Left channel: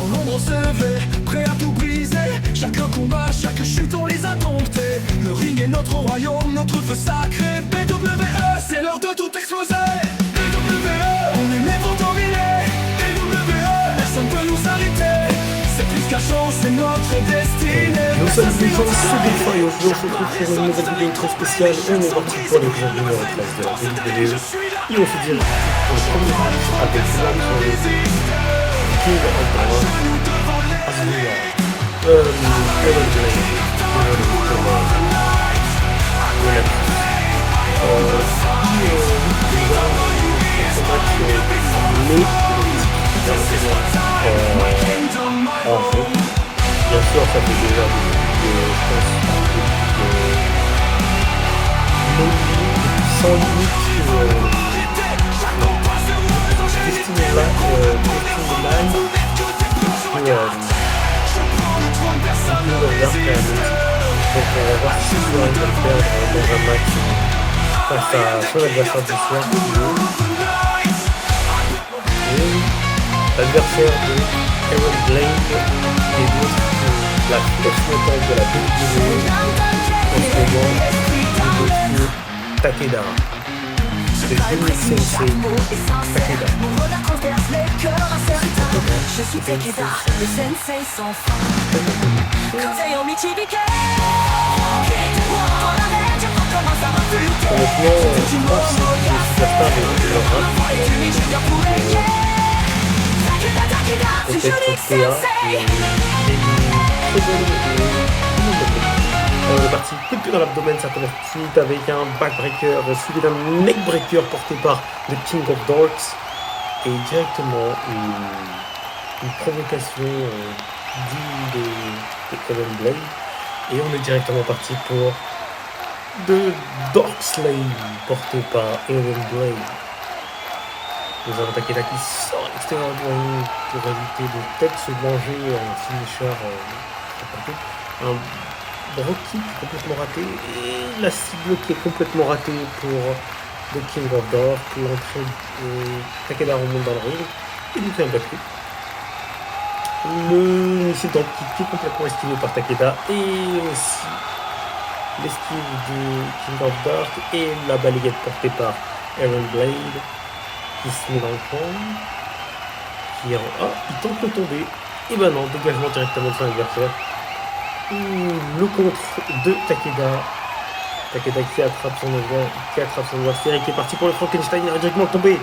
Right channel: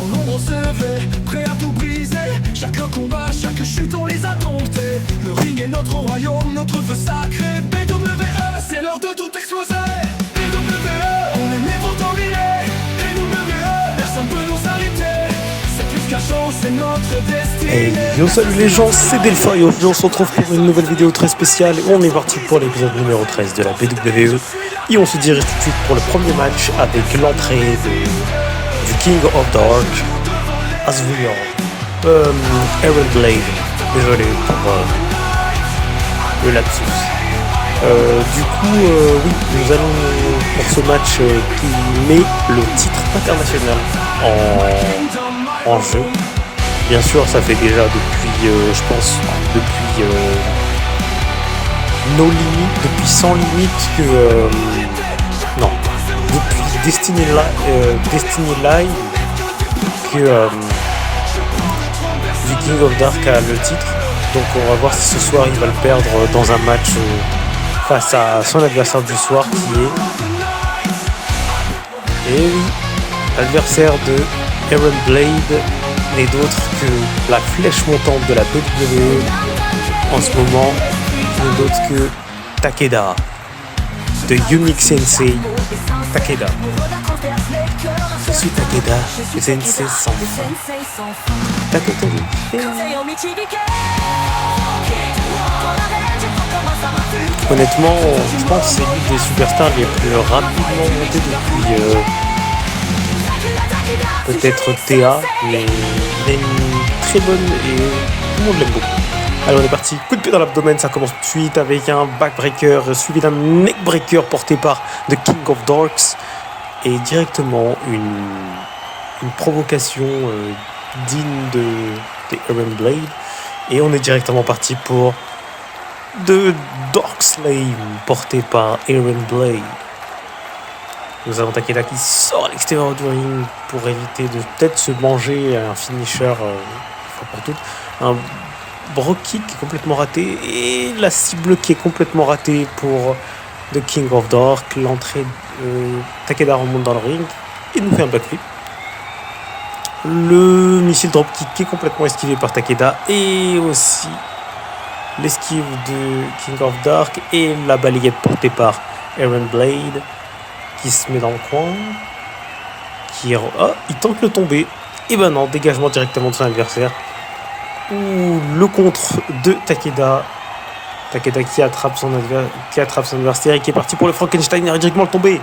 Dans l'ombre on se levait, prêt à tout briser. Chaque combat, chaque chute on les a domptés. Le ring est notre royaume, notre feu sacré. BWE, c'est l'heure de tout exploser. BWE, on est né pour dominer. BWE, personne peut nous arrêter. C'est plus qu'un show, c'est notre destinée. Nous sommes les gens, c'est Delphin et aujourd'hui on se retrouve pour une nouvelle vidéo très spéciale et on est parti pour l'épisode numéro 13 de la BWE et on se dirige tout de suite pour le premier match avec l'entrée du King of Dark, Asriel, Aaron Blade, désolé pour le lapsus. Du coup, oui, nous allons pour ce match qui met le titre international en jeu. Bien sûr, ça fait déjà depuis, je pense, depuis No Limit, depuis 100 limites que... non, depuis Destiny Line que The King of Dark a le titre. Donc on va voir si ce soir il va le perdre dans un match face à son adversaire du soir qui est l'adversaire de Aaron Blade et d'autres que la flèche montante de la WWE en ce moment, et d'autres que Takeda, de Unique Sensei Takeda. Je suis Takeda, Sensei sans honnêtement, je pense que c'est l'une des superstars les plus rapides depuis peut-être Théa, mais il est très bonne et tout le monde l'aime beaucoup. Alors on est parti, coup de pied dans l'abdomen, ça commence tout de suite avec un backbreaker suivi d'un neckbreaker porté par The King of Darks et directement une provocation digne de Aaron Blade et on est directement parti pour The Dark Slave porté par Aaron Blade. Nous avons Takeda qui sort à l'extérieur du ring pour éviter de peut-être se manger un finisher un bro kick complètement raté et la cible qui est complètement ratée pour The King of Dark. L'entrée Takeda remonte dans le ring et nous fait un backflip. Le missile dropkick qui est complètement esquivé par Takeda et aussi l'esquive de King of Dark et la balayette portée par Aaron Blade qui se met dans le coin, il tente le tomber, et ben non, dégagement directement de son adversaire, ou le contre de Takeda qui attrape son adversaire et qui est parti pour le Frankenstein, il a directement le tomber,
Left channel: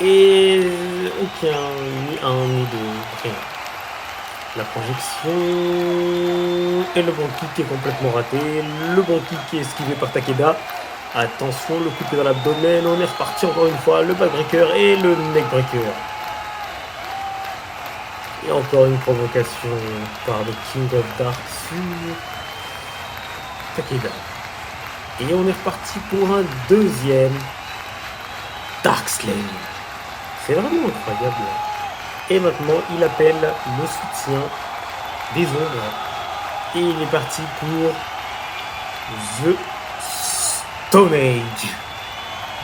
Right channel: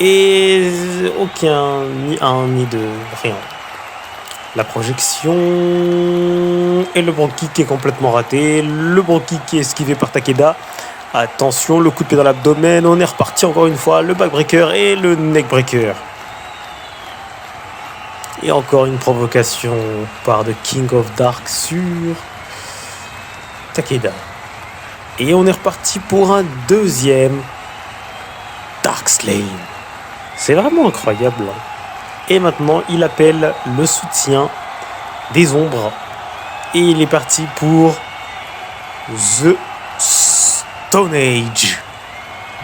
et aucun, ni un, ni deux, rien. La projection, et le bon kick qui est complètement raté, le bon kick qui est esquivé par Takeda. Attention, le coup de pied dans l'abdomen, on est reparti encore une fois, le backbreaker et le neckbreaker. Et encore une provocation par The King of Dark sur Takeda. Et on est reparti pour un deuxième Dark Slave. C'est vraiment incroyable. Et maintenant, il appelle le soutien des ombres. Et il est parti pour The Stone Age.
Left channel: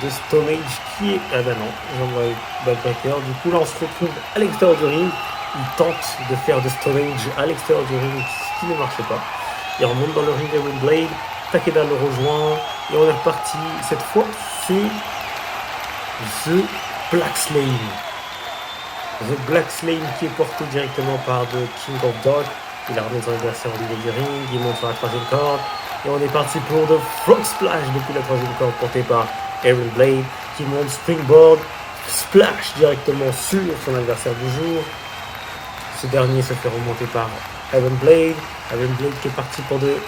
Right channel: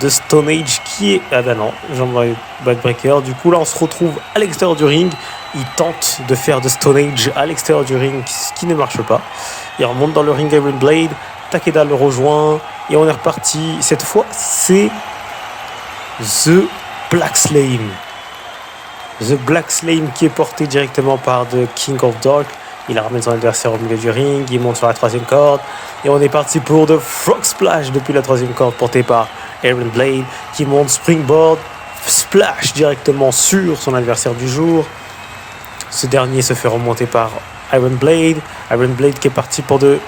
The Stone Age qui est... Ah ben non, j'envoie backbreaker. Du coup là on se retrouve à l'extérieur du ring. Il tente de faire The Stone Age à l'extérieur du ring, ce qui ne marche pas. Il remonte dans le ring Aaron Blade. Takeda le rejoint. Et on est reparti. Cette fois c'est The Black Slave. The Black Slave qui est porté directement par The King of Dark. Il ramène son adversaire au milieu du ring. Il monte sur la troisième corde. Et on est parti pour The Frog Splash depuis la troisième corde portée par Aaron Blade qui monte springboard splash directement sur son adversaire du jour. Ce dernier se fait remonter par Aaron Blade. Aaron Blade qui est parti pour The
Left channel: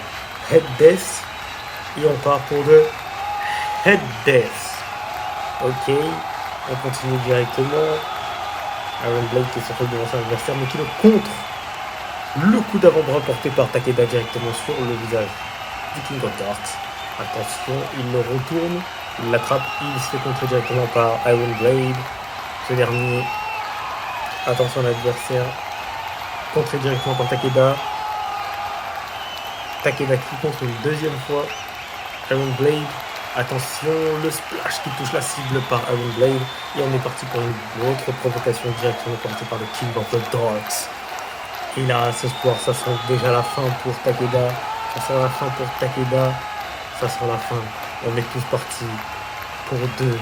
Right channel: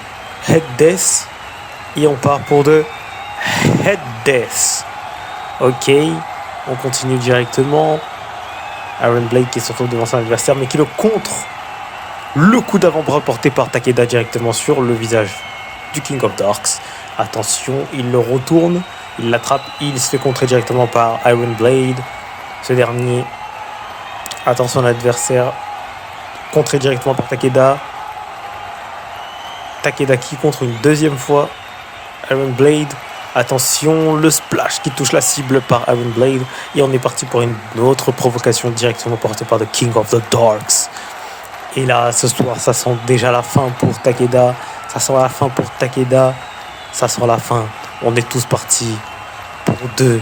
Head Death. Et on part pour The Head Death. Ok, on continue directement. Aaron Blade qui se retrouve devant son adversaire mais qui le contre. Le coup d'avant-bras porté par Takeda directement sur le visage du King of Darks. Attention, il le retourne, il l'attrape, il se fait contrer directement par Aaron Blade. Ce dernier, attention à l'adversaire, contré directement par Takeda. Takeda qui contre une deuxième fois Aaron Blade. Attention, le splash qui touche la cible par Iron Blade. Et on est parti pour une autre provocation directement portée par The King of the Darks. Et là, ce soir, ça sent déjà la fin pour Takeda. Ça sent la fin pour Takeda. Ça sent la fin. On est tous partis pour deux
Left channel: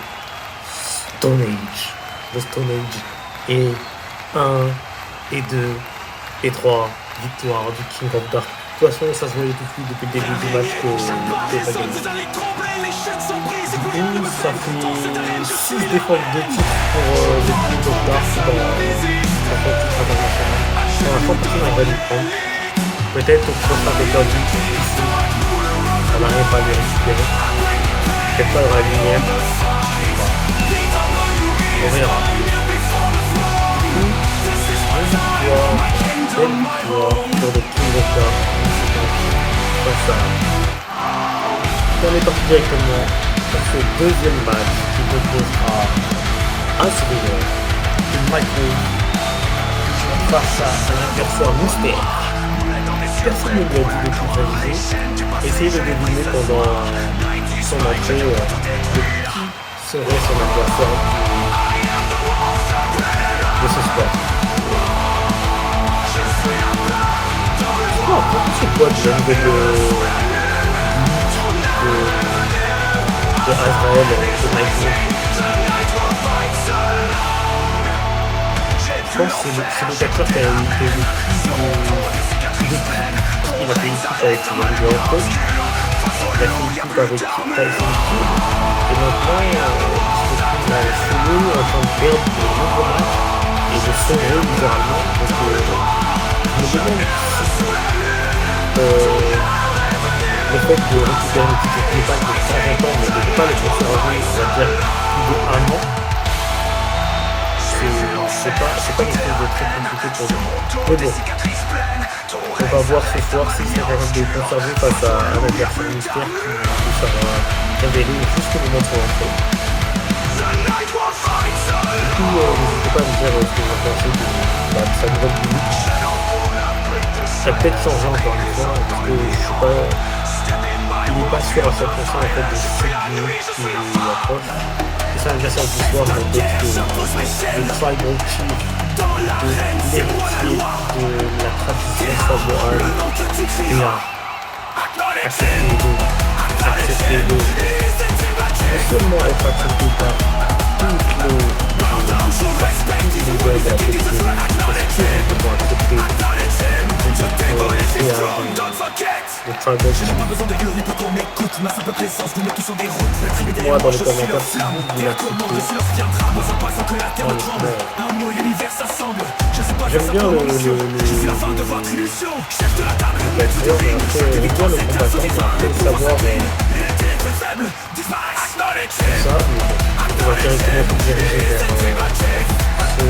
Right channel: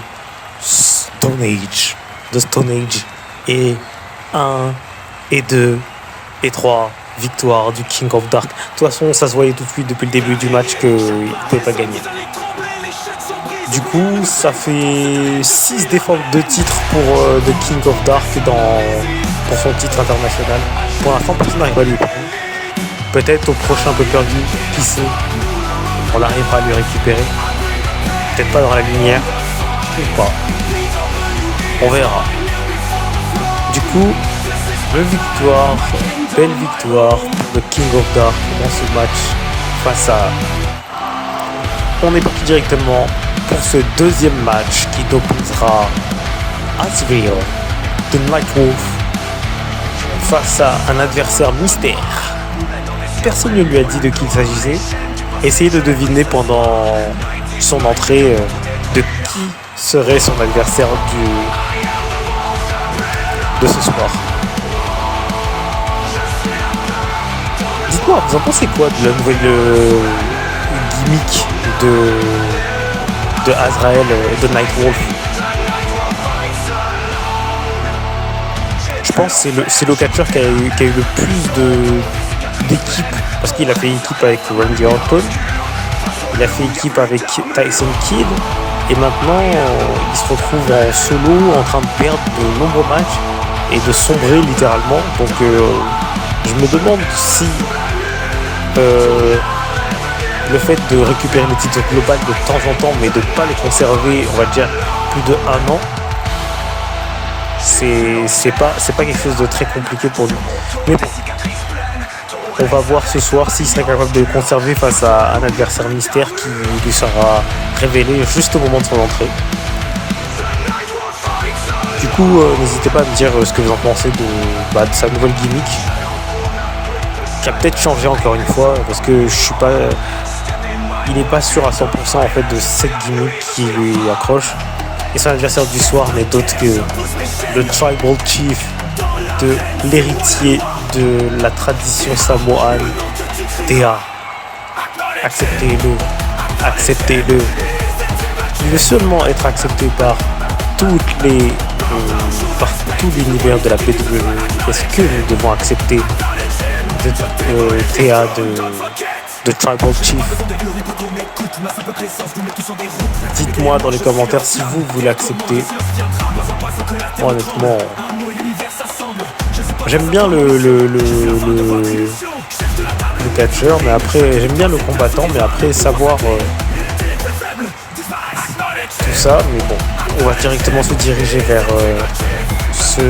Stone Age. De Stone Age. Et 1, et 2, et 3 victoires du King of Dark. De toute façon, ça se voyait tout de suite depuis le début du match qu'il ne pouvait pas gagner. Du coup, ça fait 6 défenses de titre pour The King of Dark pour son titre international. Pour l'instant, personne n'arrive à lui prendre. Peut-être au prochain pay-per-view, qui sait, on arrivera à lui récupérer. Peut-être pas dans la lumière, ou pas. On verra. Du coup, belle victoire pour le King of Dark dans ce match face à... On est parti directement pour ce deuxième match qui opposera Azrael de Nightwolf face à un adversaire mystère. Personne ne lui a dit de qui il s'agissait. Essayez de deviner pendant son entrée de qui serait son adversaire de ce soir. Dites-moi, vous en pensez quoi de la nouvelle gimmick de Azrael et de Nightwolf? Je pense que c'est le catcheur qui a eu le plus d'équipes, parce qu'il a fait équipe avec Randy Orton, il a fait équipe avec Tyson Kidd, et maintenant il se retrouve en solo en train de perdre de nombreux matchs et de sombrer littéralement. Donc je me demande si le fait de récupérer le titre global de temps en temps mais de ne pas le conserver, on va dire, plus de 1 an, c'est pas quelque chose de très compliqué pour lui. Mais bon, on va voir ce soir s'il sera capable de le conserver face à un adversaire mystère qui lui sera révélé juste au moment de son entrée. Du coup, n'hésitez pas à me dire ce que vous en pensez de sa nouvelle gimmick, qui a peut-être changé encore une fois, parce que je suis pas... il n'est pas sûr à 100% en fait de cette gimmick qui lui accroche. Et son adversaire du soir n'est d'autre que le Tribal Chief, l'héritier de la tradition samoane, Théa. Acceptez-le. Il veut seulement être accepté par tout l'univers de la WWE. Est-ce que nous devons accepter Théa de Tribal Chief? Dites-moi dans les commentaires si vous voulez accepter. Honnêtement, j'aime bien le catcheur, mais après j'aime bien le combattant, mais après savoir tout ça. Mais bon, on va directement se diriger vers ce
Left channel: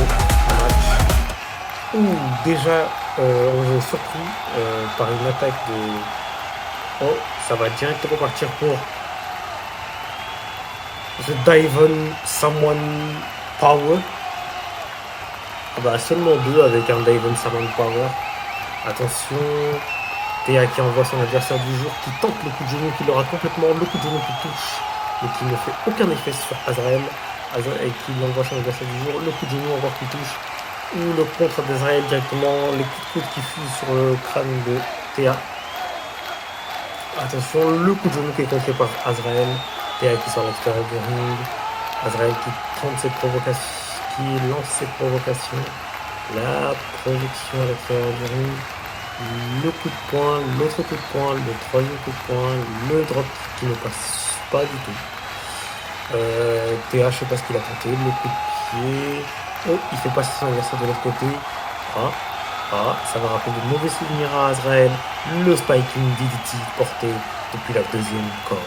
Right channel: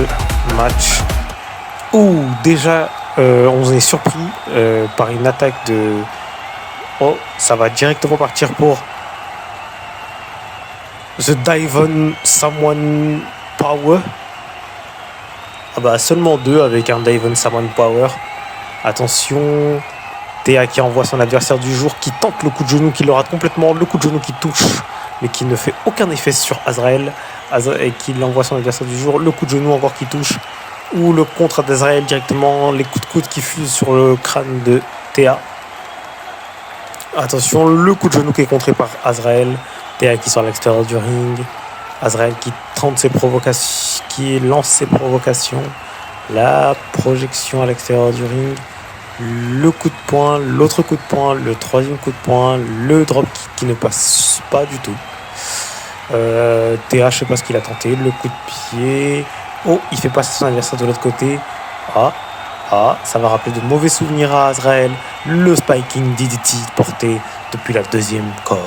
match où déjà on est surpris par une attaque de... Oh, ça va directement partir pour The Devon Samoan Power. Ah bah seulement 2 avec un Devon Samoan Power. Attention, Théa qui envoie son adversaire du jour, qui tente le coup de genou, qui le rate complètement, le coup de genou qui touche, mais qui ne fait aucun effet sur Azrael, et qui envoie son adversaire du jour, le coup de genou encore qui touche, ou le contre d'Azrael directement, les coups de coude qui fusent sur le crâne de Théa. Attention, le coup de genou qui est contré par Azrael, Théa qui sort à l'extérieur du ring, Azrael qui tente ses provocations, qui lance ses provocations, la projection à l'extérieur du ring, le coup de poing, l'autre coup de poing, le troisième coup de poing, le drop kick qui ne passe pas du tout. Théa, je sais pas ce qu'il a tenté, le coup de pied. Oh, il fait passer son adversaire de l'autre côté. Ça va rappeler de mauvais souvenirs à Azrael. Le spiking DDT porté depuis la deuxième corde.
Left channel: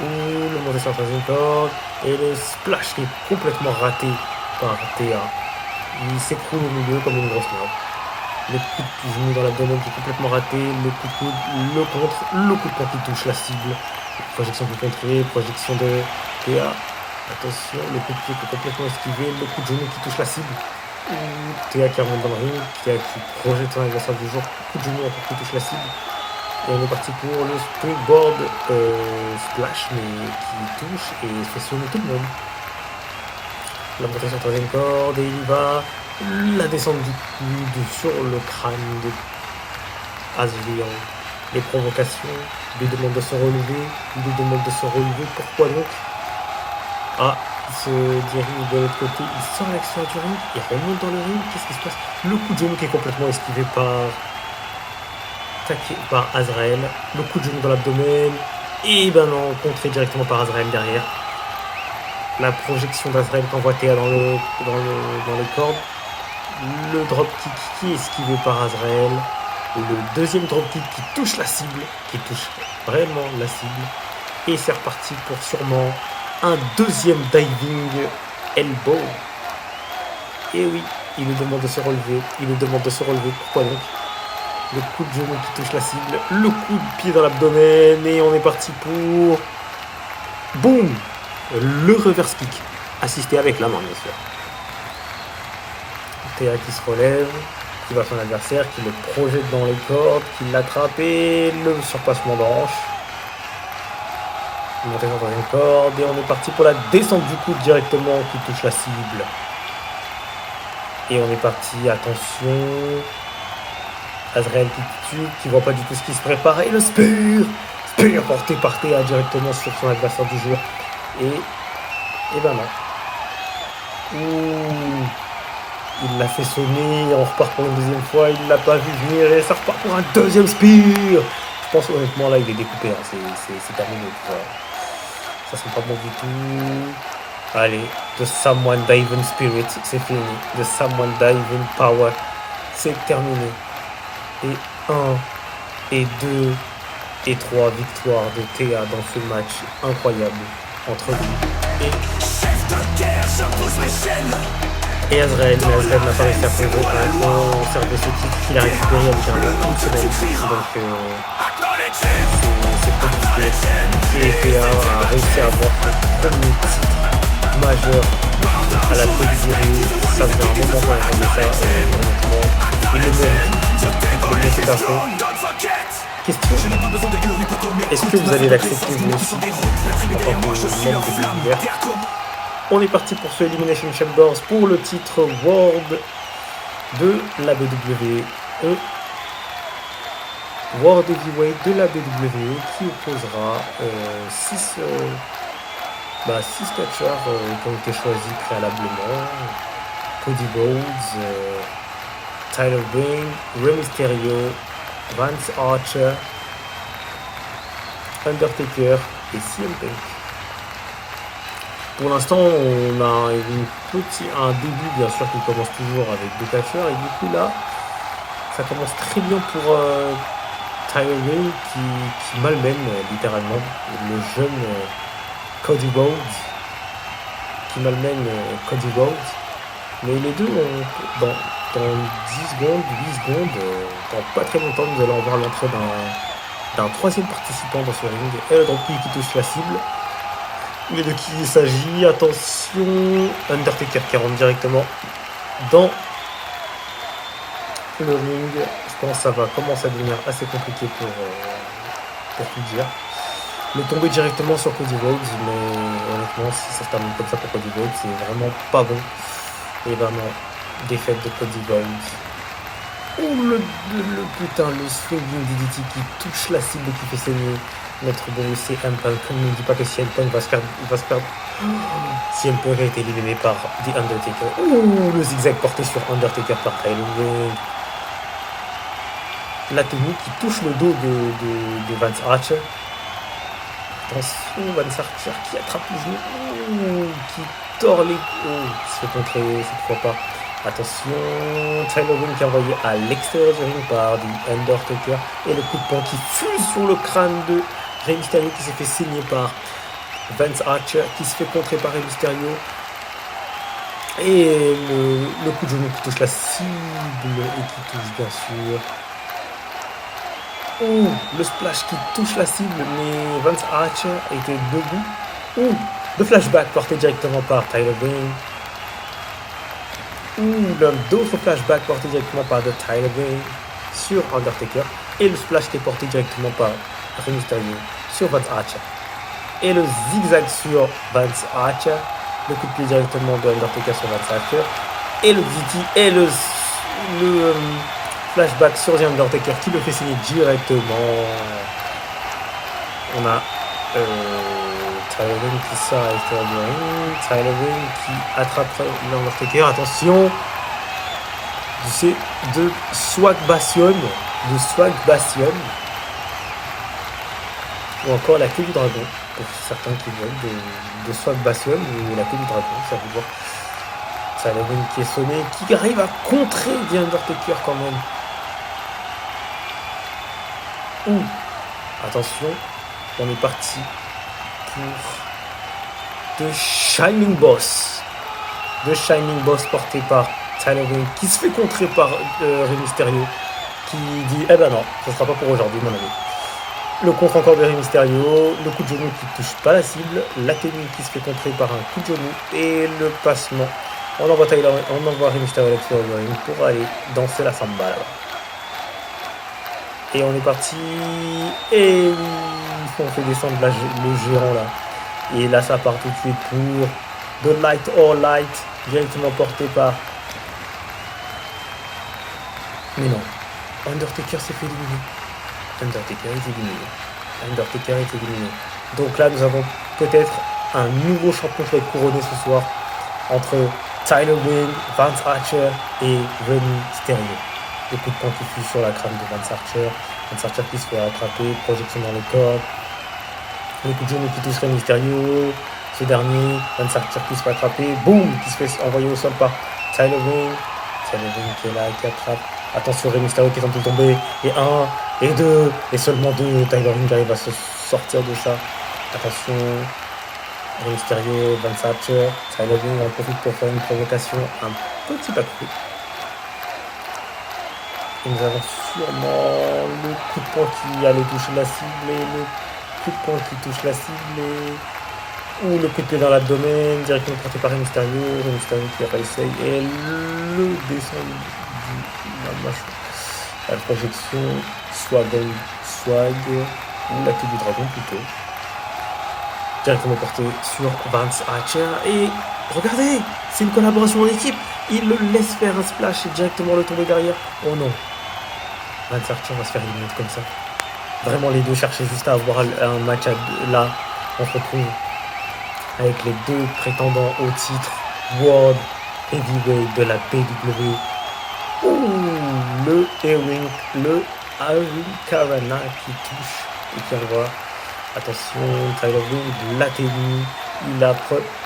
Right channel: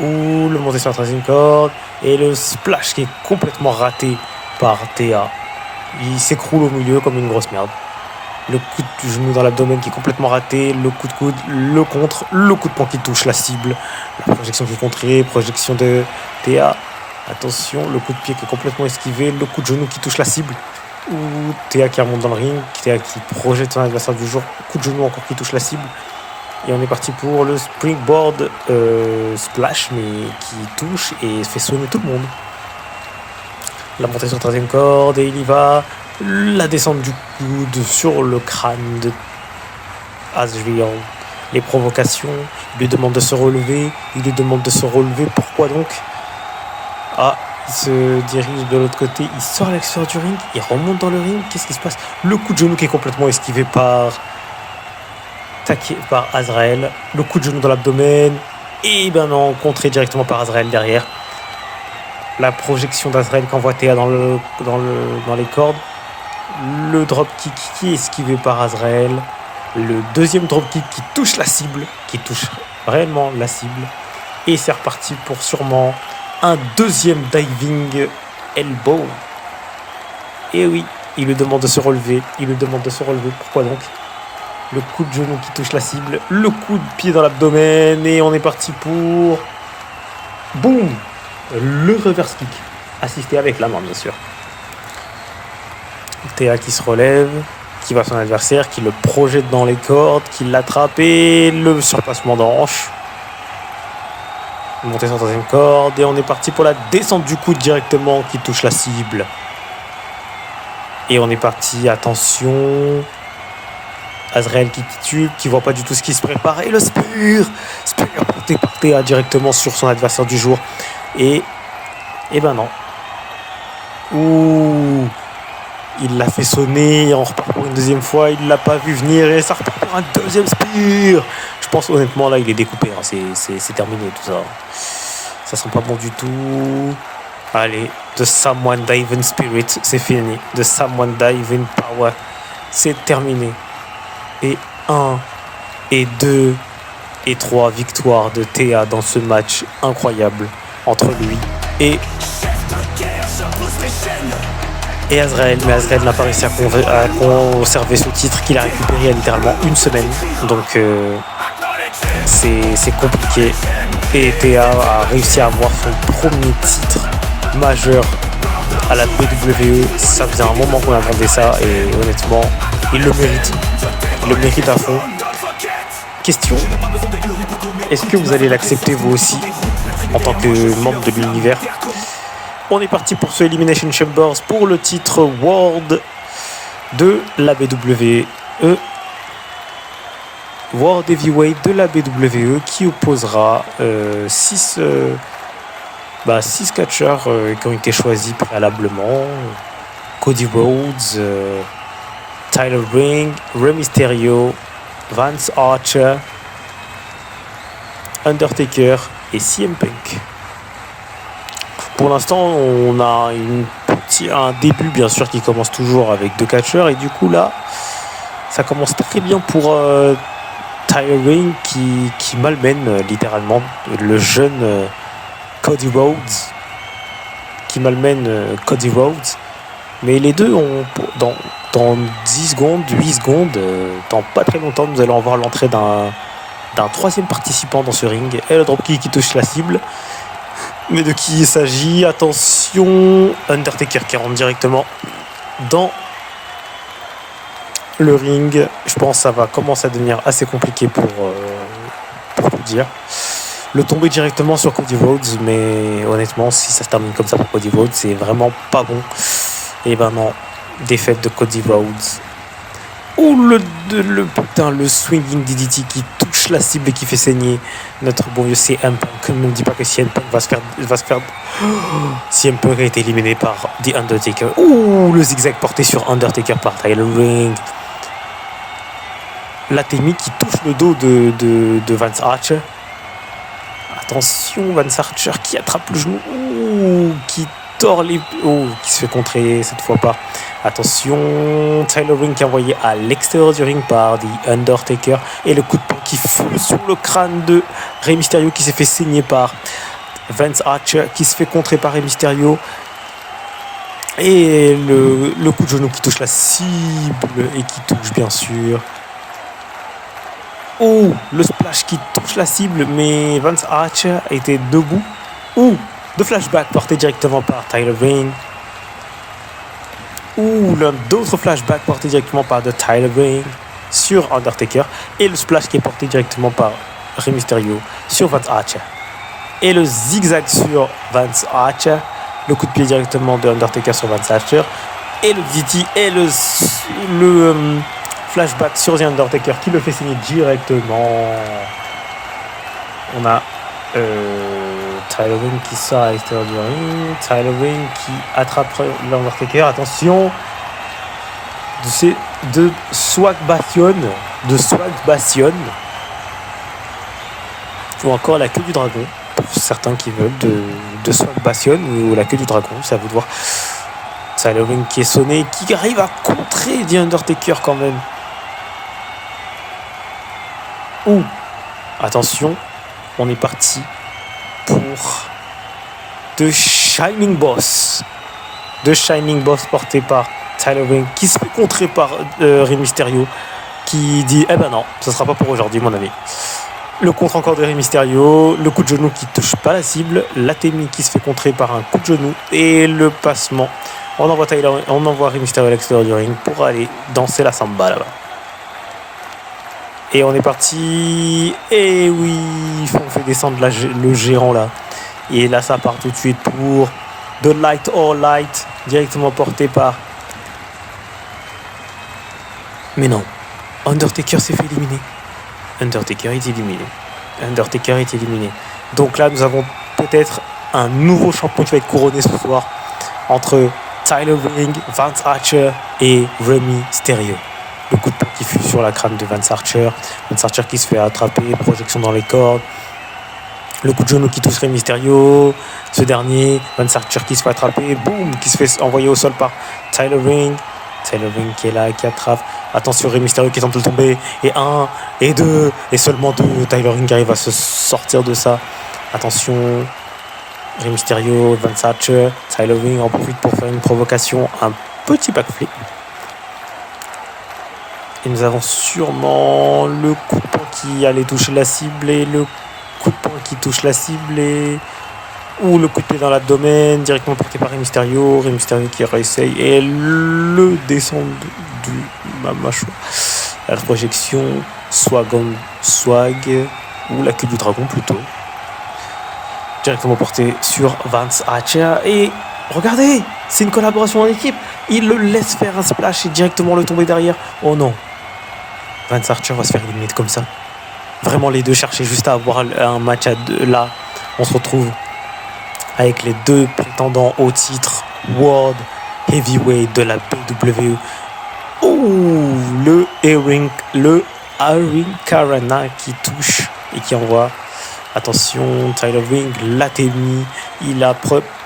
Ouh, le monté sur la troisième corde. Et le splash qui est complètement raté par Théa. Il s'écroule au milieu comme une grosse merde. Le coup de genou dans l'abdomen qui est complètement raté. Le coup de coude, le contre. Le coup de poing qui touche la cible. La projection qui est contrée. Projection de Théa. Attention, le coup de pied qui est complètement esquivé. Le coup de genou qui touche la cible. Ou Théa qui remonte dans le ring, Théa qui projette son adversaire du jour, coup de genou encore qui touche la cible. Et on est parti pour le springboard splash, mais qui touche et fait sonner tout le monde. La montée sur 13e corde et il y va. La descente du coude sur le crâne de Azrael. Les provocations. Il lui demande de se relever. Il lui demande de se relever. Pourquoi donc? Ah, il se dirige de l'autre côté. Il sort à l'extérieur du ring. Il remonte dans le ring. Qu'est-ce qui se passe? Le coup de genou qui est complètement esquivé par Azrael. Le coup de genou dans l'abdomen. Et ben non, contré directement par Azrael derrière. La projection d'Azrael qu'envoie Thea dans les cordes. Le dropkick qui est esquivé par Azrael. Le deuxième dropkick qui touche la cible. Qui touche réellement la cible. Et c'est reparti pour sûrement un deuxième diving elbow. Et oui, il lui demande de se relever. Pourquoi donc? Le coup de genou qui touche la cible. Le coup de pied dans l'abdomen. Et on est parti pour... Boum! Le reverse kick. Assisté avec la main, bien sûr. Thea qui se relève, qui va à son adversaire, qui le projette dans les cordes, qui l'attrape et le surplacement d'hanche. Montée sur 3e corde et on est parti pour la descente du coude directement qui touche la cible. Et on est parti, attention. Azrael qui titube, qui voit pas du tout ce qui se prépare. Et le spear porté par Thea directement sur son adversaire du jour. Et ben non. Ouh. Il l'a fait sonner, on repart pour une deuxième fois, il l'a pas vu venir et ça repart pour un deuxième spear. Je pense honnêtement là il est découpé, hein. C'est terminé tout ça. Ça sent pas bon du tout. Allez, The Someone Diving Spirit, c'est fini. The Someone Diving Power, c'est terminé. Et 1, et 2, et 3 victoires de Thea dans ce match incroyable entre lui et Azrael. Mais Azrael n'a pas réussi à conserver ce titre qu'il a récupéré il y a littéralement une semaine. Donc c'est compliqué. Et Thea a réussi à avoir son premier titre majeur à la WWE. Ça faisait un moment qu'on attendait ça et honnêtement, il le mérite. Il le mérite à fond. Question, est-ce que vous allez l'accepter vous aussi en tant que membre de l'univers? On est parti pour ce Elimination Chambers pour le titre World de la WWE. World Heavyweight de la WWE qui opposera 6 catcheurs qui ont été choisis préalablement. Cody Rhodes, Tyler Ring, Rey Mysterio, Vance Archer, Undertaker et CM Punk. Pour l'instant, on a un début bien sûr qui commence toujours avec 2 catcheurs et du coup là, ça commence très bien pour Tyler Ring qui malmène littéralement le jeune Cody Rhodes, mais les deux ont dans 10 secondes, 8 secondes, dans pas très longtemps, nous allons avoir l'entrée d'un troisième participant dans ce ring et le dropkick qui touche la cible. Mais de qui il s'agit? Attention, Undertaker qui rentre directement dans le ring. Je pense que ça va commencer à devenir assez compliqué pour tout dire. Le tomber directement sur Cody Rhodes, mais honnêtement, si ça se termine comme ça pour Cody Rhodes, c'est vraiment pas bon. Et ben non, défaite de Cody Rhodes. Ouh, le swinging DDT qui touche la cible et qui fait saigner notre bon vieux CM Punk. Ne me dis pas que CM Punk va se faire... CM Punk a été éliminé par The Undertaker. Ouh, le zigzag porté sur Undertaker par Tyler Ring. La technique qui touche le dos de Vance Archer. Attention, Vance Archer qui attrape le genou. Ouh, qui tord les... Oh, qui se fait contrer cette fois par... Attention, Tyler Ring qui est envoyé à l'extérieur du ring par The Undertaker. Et le coup de poing qui fonce sur le crâne de Rey Mysterio qui s'est fait saigner par Vance Archer, qui se fait contrer par Rey Mysterio. Et le coup de genou qui touche la cible et qui touche bien sûr. Oh, le splash qui touche la cible, mais Vance Archer était debout. Oh, le flashback porté directement par Tyler Ring. Ouh, l'un d'autres flashbacks portés directement par The Tyler Ring. sur Undertaker. Et le splash qui est porté directement par Rey Mysterio sur Vance Archer. Et le zigzag sur Vance Archer. Le coup de pied directement de Undertaker sur Vance Archer. Et le DT et le flashback sur The Undertaker qui le fait signer directement. On a Tyler Ring qui sort à l'extérieur du ring. Tyler Ring qui attrape l'Undertaker. Attention, de Swag Bastion. Ou encore la queue du dragon. Pour certains qui veulent de Swag Bastion ou la queue du dragon, ça veut voir. Tyler Ring qui est sonné, qui arrive à contrer The Undertaker quand même. Ouh, attention, on est parti pour The Shining Boss. The Shining Boss porté par Tyler Ring qui se fait contrer par Rey Mysterio qui dit eh ben non, ça sera pas pour aujourd'hui mon ami. Le contre encore de Rey Mysterio, le coup de genou qui touche pas la cible, l'Atemi qui se fait contrer par un coup de genou et le passement. On envoie Rey Mysterio à l'extérieur du ring pour aller danser la samba là-bas. Et on est parti. Et oui, on fait descendre le gérant là. Et là, ça part tout de suite pour The Light or Light, directement porté par. Mais non, Undertaker s'est fait éliminer. Undertaker est éliminé. Donc là, nous avons peut-être un nouveau champion qui va être couronné ce soir entre Tyler Ring, Vance Archer et Rey Mysterio. Le coup de poing qui fut sur la crâne de Vance Archer. Vance Archer qui se fait attraper, projection dans les cordes. Le coup de genou qui touche Rey Mysterio. Ce dernier, Vance Archer qui se fait attraper. Boum, qui se fait envoyer au sol par Tyler Ring. Tyler Ring qui est là, qui attrape. Attention, Rey Mysterio qui tente de tomber. Et 1, et 2, et seulement 2. Tyler Ring arrive à se sortir de ça. Attention. Rey Mysterio, Vance Archer, Tyler Ring en profite pour faire une provocation, un petit backflip. Et nous avons sûrement le coup de poing qui allait toucher la cible et le coup de poing qui touche la cible ou le coup de pied dans l'abdomen directement porté par Rey Mysterio qui réessaye et le descend de la mâchoire. La projection, swag ou la queue du dragon plutôt. Directement porté sur Vance Archer et regardez, c'est une collaboration en équipe. Il le laisse faire un splash et directement le tomber derrière. Oh non, Vance Archer va se faire éliminer comme ça. Vraiment, les deux cherchaient juste à avoir un match à deux. Là, on se retrouve avec les deux prétendants au titre World Heavyweight de la PWE. Ouh, le Hurricane qui touche et qui envoie. Attention, Tyler Ring, l'Atemi, il a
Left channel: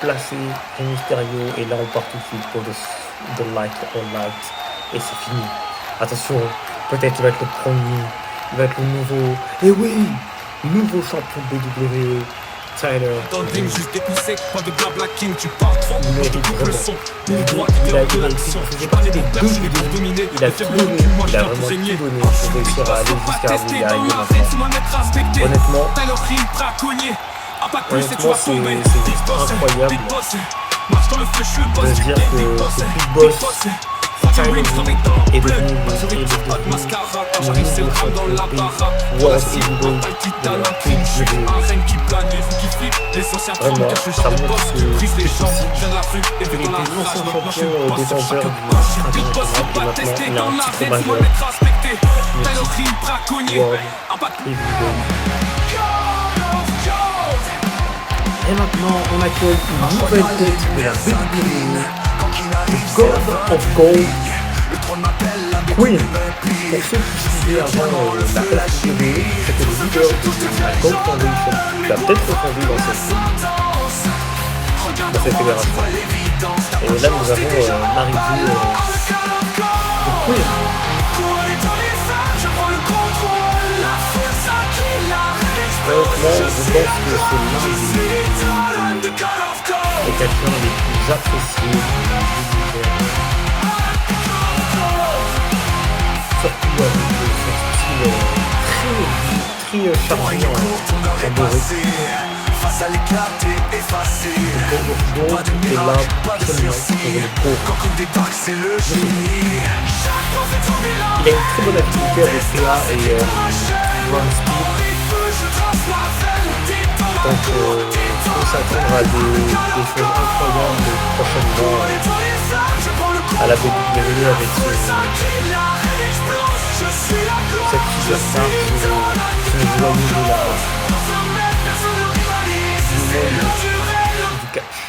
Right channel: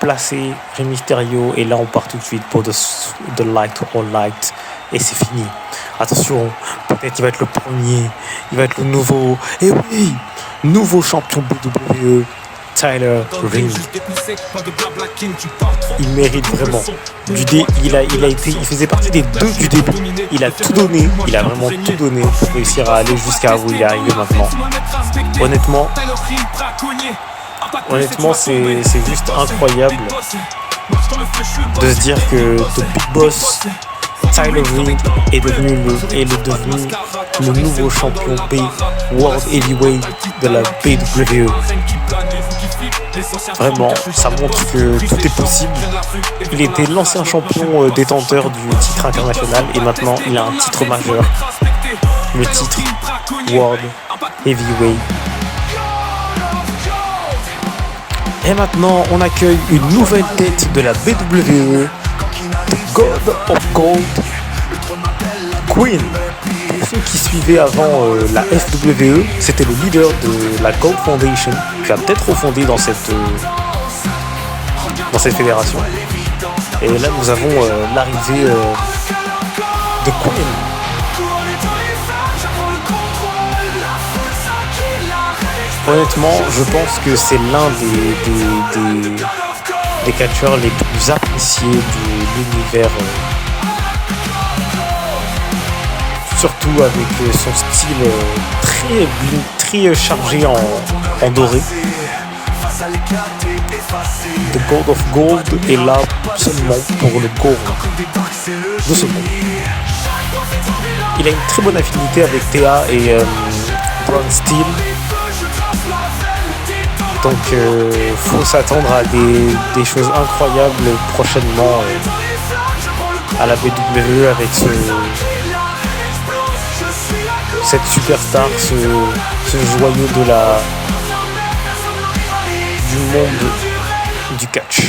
placé Rey Mysterio et là on part tout de suite pour The Light or Light et c'est fini. Attention, peut-être il va être le premier, il va être le nouveau, et oui, nouveau champion WWE, Tyler Ring. Il mérite vraiment. Il faisait partie des deux du début. Il a tout donné, il a vraiment tout donné pour réussir à aller jusqu'à où il est arrivé maintenant. Honnêtement, c'est juste incroyable de se dire que The Big Boss Tyler Ring est devenu le nouveau champion World Heavyweight de la PWE. Vraiment, ça montre que tout est possible. Il était l'ancien champion détenteur du titre international et maintenant il a un titre majeur, le titre World Heavyweight. Et maintenant, on accueille une nouvelle tête de la WWE, God of Gold, Queen. Pour ceux qui suivaient avant la SWE, c'était le leader de la Gold Foundation qui a peut-être refondé dans cette fédération. Et là, nous avons l'arrivée de Queen. Honnêtement, je pense que c'est l'un des catcheurs les plus appréciés de l'univers. Surtout avec son style très chargé en doré. The God of Gold est là seulement pour le gold. il a une très bonne affinité avec Théa et Braun Steel. Donc faut s'attendre à des choses incroyables prochainement à la WWE avec cette superstar, ce joyau du monde du catch.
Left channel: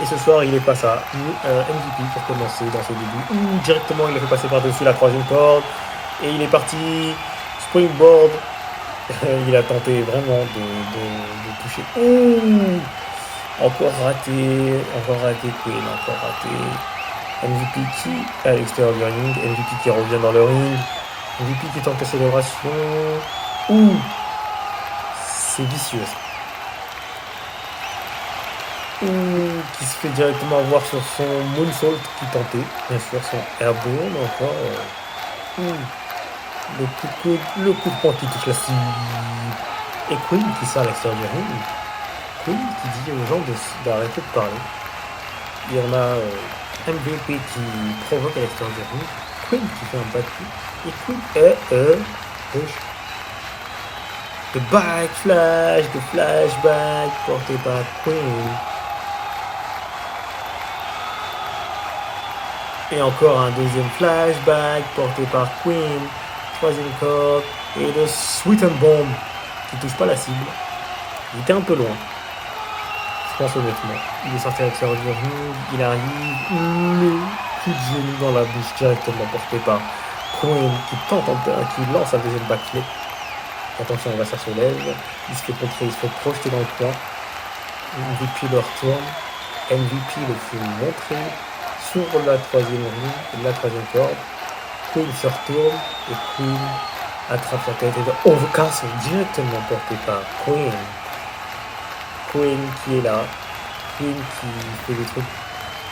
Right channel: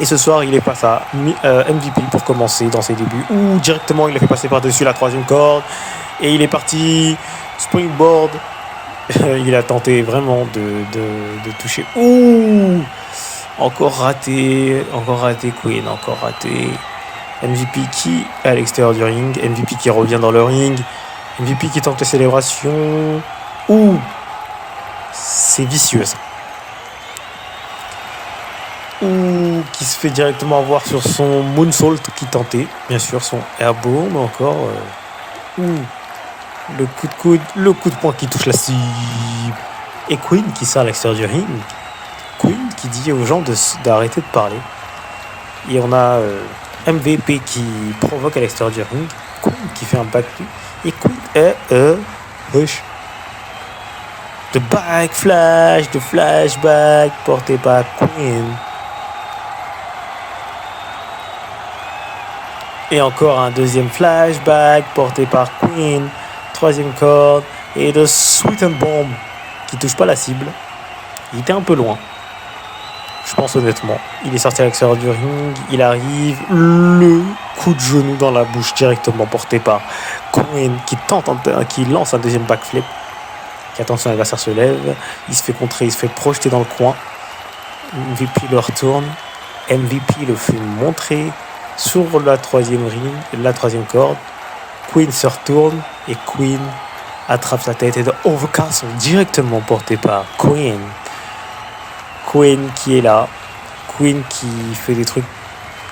Et ce soir, il est face à MVP pour commencer dans ses débuts. Ou directement, il a fait passer par-dessus la troisième corde. Et il est parti springboard. Il a tenté vraiment de toucher. Ouh, encore raté Queen, encore raté. MVP qui est à l'extérieur du ring. MVP qui revient dans le ring. MVP qui tente la célébration. Ouh, c'est vicieux ça. Ouh, qui se fait directement avoir sur son moonsault qui tentait. Bien sûr, son airborne encore. Ouh. Le coup de coude, le coup de poing qui touche la cible. Et Queen qui sort à l'extérieur du ring. Queen qui dit aux gens d'arrêter de parler. Et on a MVP qui provoque à l'extérieur du ring. Queen qui fait un backflip. Et Queen hush. De flashback porté par Queen. Et encore un deuxième flashback porté par Queen. Troisième corde. Et de Sweet and Bomb qui touche pas la cible. Il était un peu loin. Je pense honnêtement. Il est sorti à l'extérieur du ring. Il arrive. Le coup de genou dans la bouche directement porté par Queen qui lance un deuxième backflip. Attention, l'adversaire se lève. Il se fait contrer. Il se fait projeter dans le coin. MVP le retourne. MVP le fait montrer sur la troisième corde. Queen se retourne et Queen attrape sa tête et de overcast directement porté par Queen. Queen qui est là. Queen qui fait des trucs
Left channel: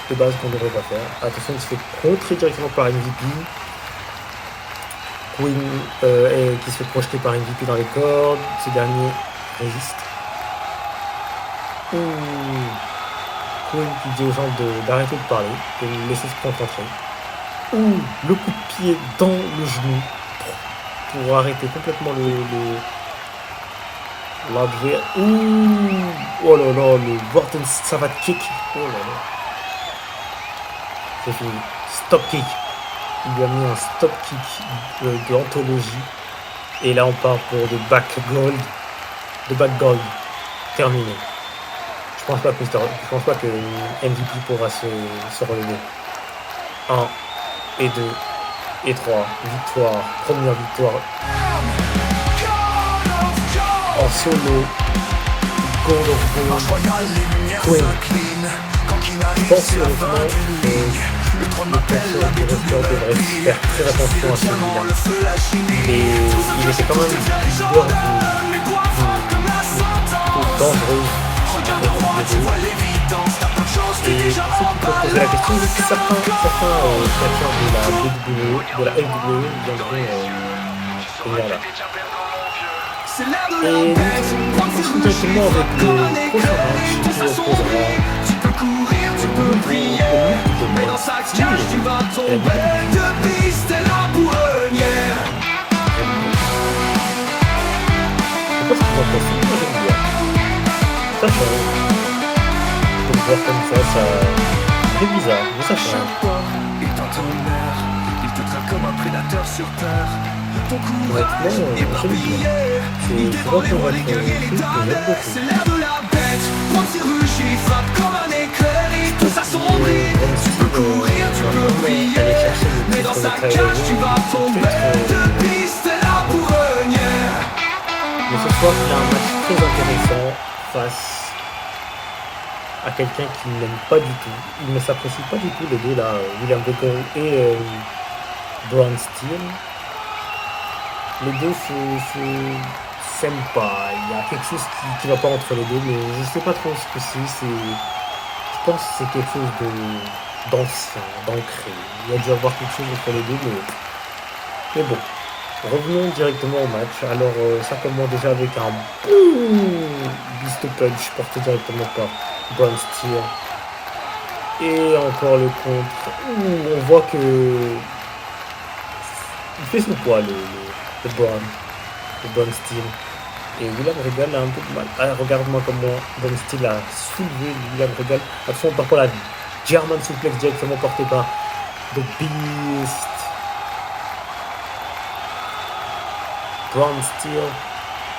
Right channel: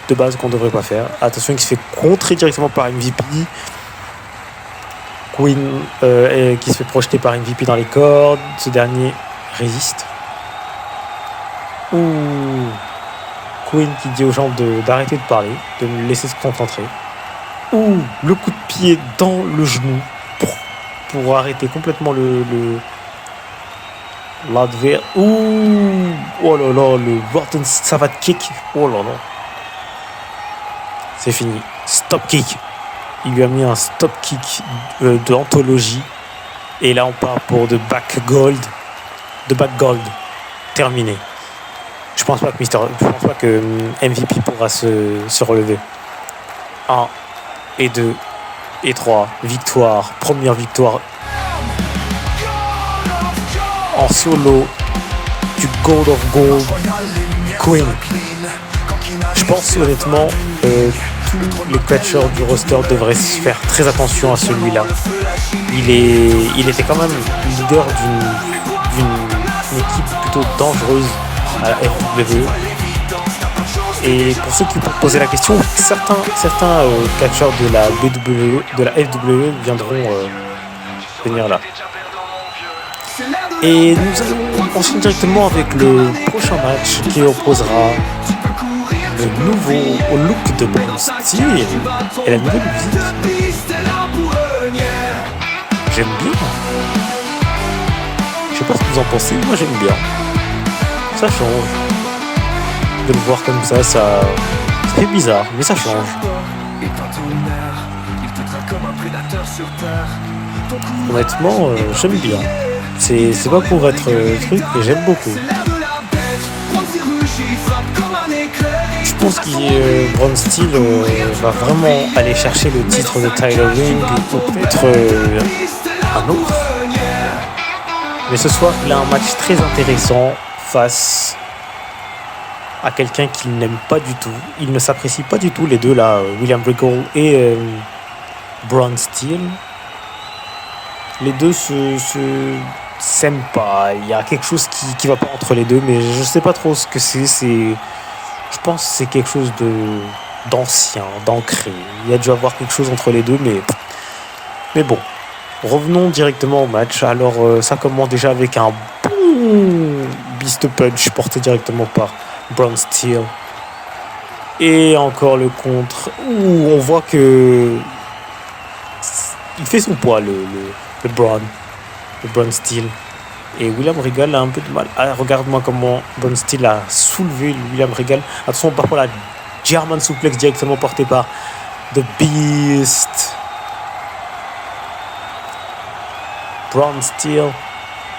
de base qu'on ne devrait pas faire. Attention, il se fait contrer directement par MVP. Queen qui se fait projeter par MVP dans les cordes. Ce dernier résiste. Ouh. Queen qui dit aux gens d'arrêter de parler, de me laisser se concentrer. Ouh, le coup de pied dans le genou pour arrêter complètement l'adversaire. Ouh, oh là là, le Gordon Savate kick. Oh là là. C'est fini. Stop kick. Il lui a mis un stop kick d'anthologie. Et là, on part pour de back gold. Terminé. Je pense pas que MVP pourra se relever. 1 et 2 et 3 victoires. Première victoire en solo du Gold of Gold Queen. Je pense honnêtement que le catcheur du roster devrait faire très attention à celui-là. Il était quand même leader d'une équipe plutôt dangereuse à la WWE. Et pour ceux qui peuvent poser la question, certains catcheurs de la FWE viendront venir là. Et nous allons enchaîner directement avec le prochain match qui opposera le nouveau au look de Braun Steel et la nouvelle vie. J'aime bien. Je sais pas ce que vous en pensez, moi j'aime bien. Ça change. De le voir comme ça fait bizarre, mais ça change. Honnêtement, j'aime bien. C'est pas pour être truc, mais j'aime beaucoup. Je pense que Braun Steel va vraiment aller chercher le titre de Tyler Ring ou peut-être un autre. Mais ce soir, il a un match très intéressant face à quelqu'un qu'il n'aime pas du tout. Il ne s'apprécie pas du tout, les deux là, William Regal et Braun Steel. Les deux s'aiment pas. Il y a quelque chose qui va pas entre les deux, mais je sais pas trop ce que c'est. Je pense que c'est quelque chose d'ancien, d'ancré. Il y a dû avoir quelque chose entre les deux, mais bon. Revenons directement au match. Alors ça commence déjà avec un boum Beast Punch porté directement par Braun Steel. Et encore le contre où on voit que il fait son poids, le Braun Steel. Et William Regal a un peu de mal. Ah, regarde-moi comment Braun Steel a soulevé William Regal. Attention, par contre, la German Suplex directement portée par The Beast. Braun Steel,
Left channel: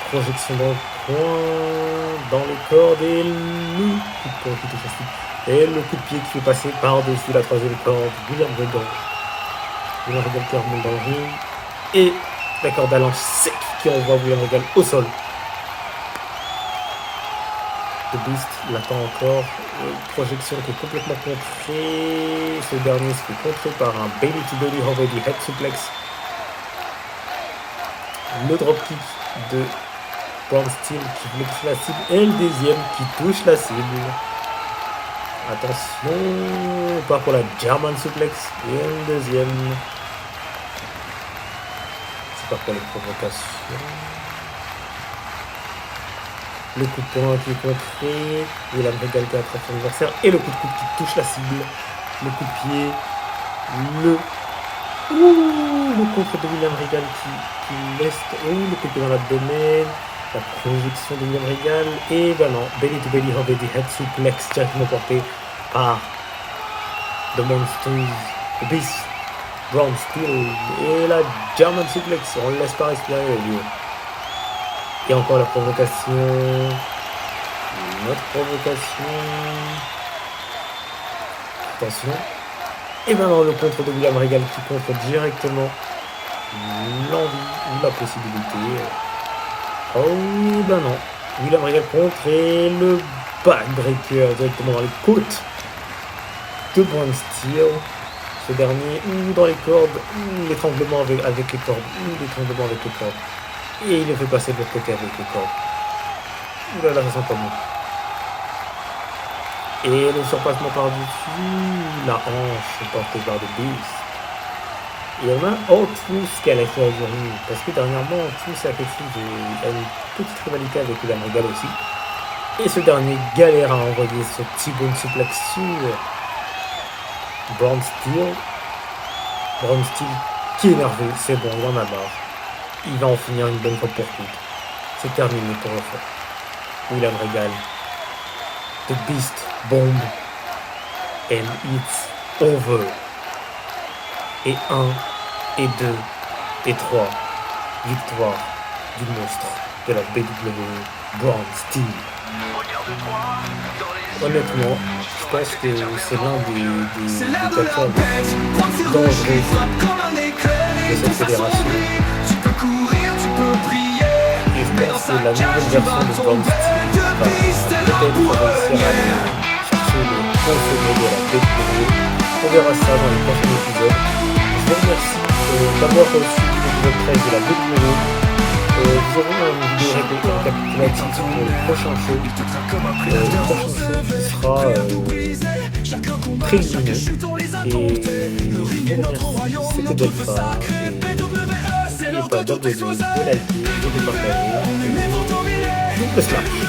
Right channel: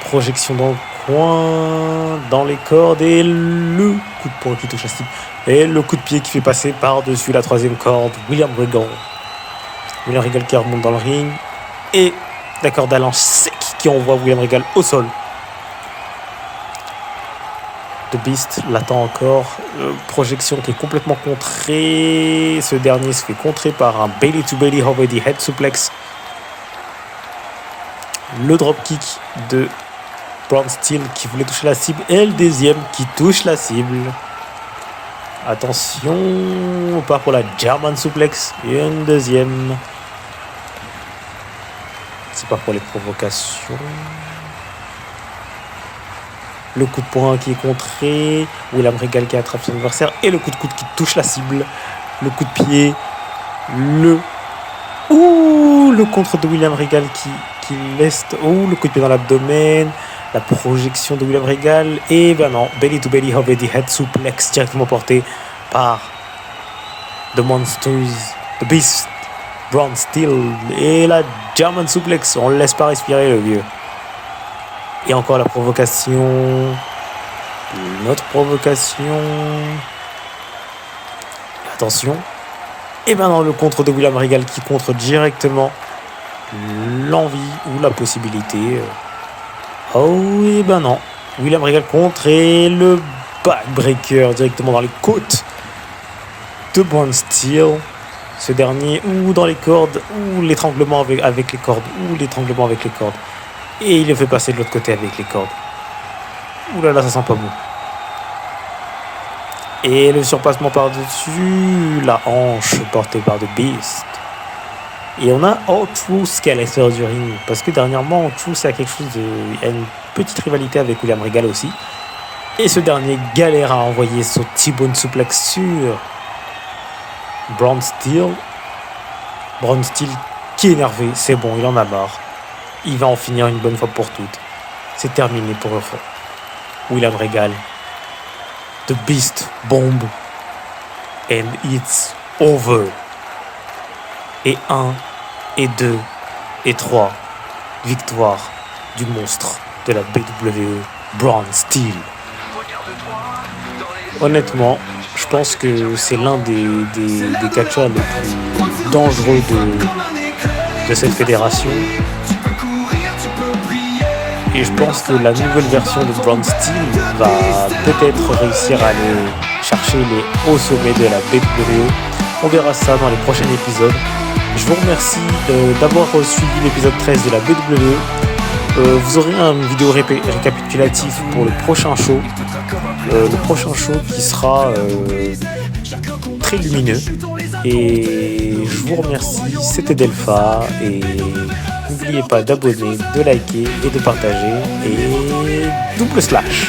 projection dans le coin, dans les cordes, et le coup de poing qui touche la cible. Et le coup de pied qui fait passer par-dessus la troisième corde. William Regal qui remonte dans le ring. Et la corde à linge sec qui envoie William Regal au sol. The Beast l'attend encore. Projection qui est complètement contrée. Ce dernier se fait contrer par un belly to belly over the head suplex. Le dropkick de Braun Steel qui voulait toucher la cible. Et le deuxième qui touche la cible. Attention, on part pour la German suplex. Et une deuxième. C'est pas pour les provocations. Le coup de poing qui est contré. William Regal qui attrape son adversaire. Et le coup de coude qui touche la cible. Le coup de pied. Le contre de William Regal qui laisse. Le coup de pied dans l'abdomen. La projection de William Regal. Et ben non, belly to belly over the head suplex directement porté par The Monsters, The Beast, Braun Steel. Et la German suplex. On ne laisse pas respirer le vieux. Et encore la provocation. Une autre provocation. Attention. Et maintenant le contre de William Regal qui contre directement l'envie ou la possibilité. Oh, et ben non. William Regal contre et le backbreaker directement dans les côtes de Braun Steel. Ce dernier ou dans les cordes ou l'étranglement avec les cordes ou l'étranglement avec les cordes. Et il le fait passer de l'autre côté avec les cordes. Ouh là là, ça sent pas bon. Et le surpassement par-dessus la hanche portée par The Beast. Et on a R-Truth qui est à l'extérieur du ring. Parce que dernièrement, R-Truth a quelque chose a une petite rivalité avec William Regal aussi. Et ce dernier galère à envoyer son T-bone suplex sur Braun Steel. Braun Steel qui est énervé, c'est bon, il en a marre. Il va en finir une bonne fois pour toutes. C'est terminé pour William Regal. The Beast bomb. And it's over. Et 1, et 2, et 3 victoires du monstre de la WWE, Braun Steel. Honnêtement, je pense que c'est l'un des catcheurs les plus dangereux de cette fédération. Et je pense que la nouvelle version de Braun Steel va peut-être réussir à aller chercher les hauts sommets de la WWE. On verra ça dans les prochains épisodes. Je vous remercie d'avoir suivi l'épisode 13 de la WWE. Vous aurez une vidéo récapitulative pour le prochain show. Le prochain show qui sera très lumineux. Et je vous remercie. C'était Delpha. Et n'oubliez pas d'abonner, de liker et de partager. Et double slash.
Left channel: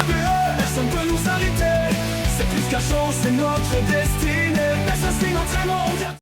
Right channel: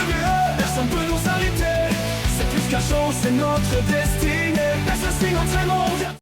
Personne peut nous arrêter. C'est plus qu'un show, c'est notre destinée. Personne signe entraînement.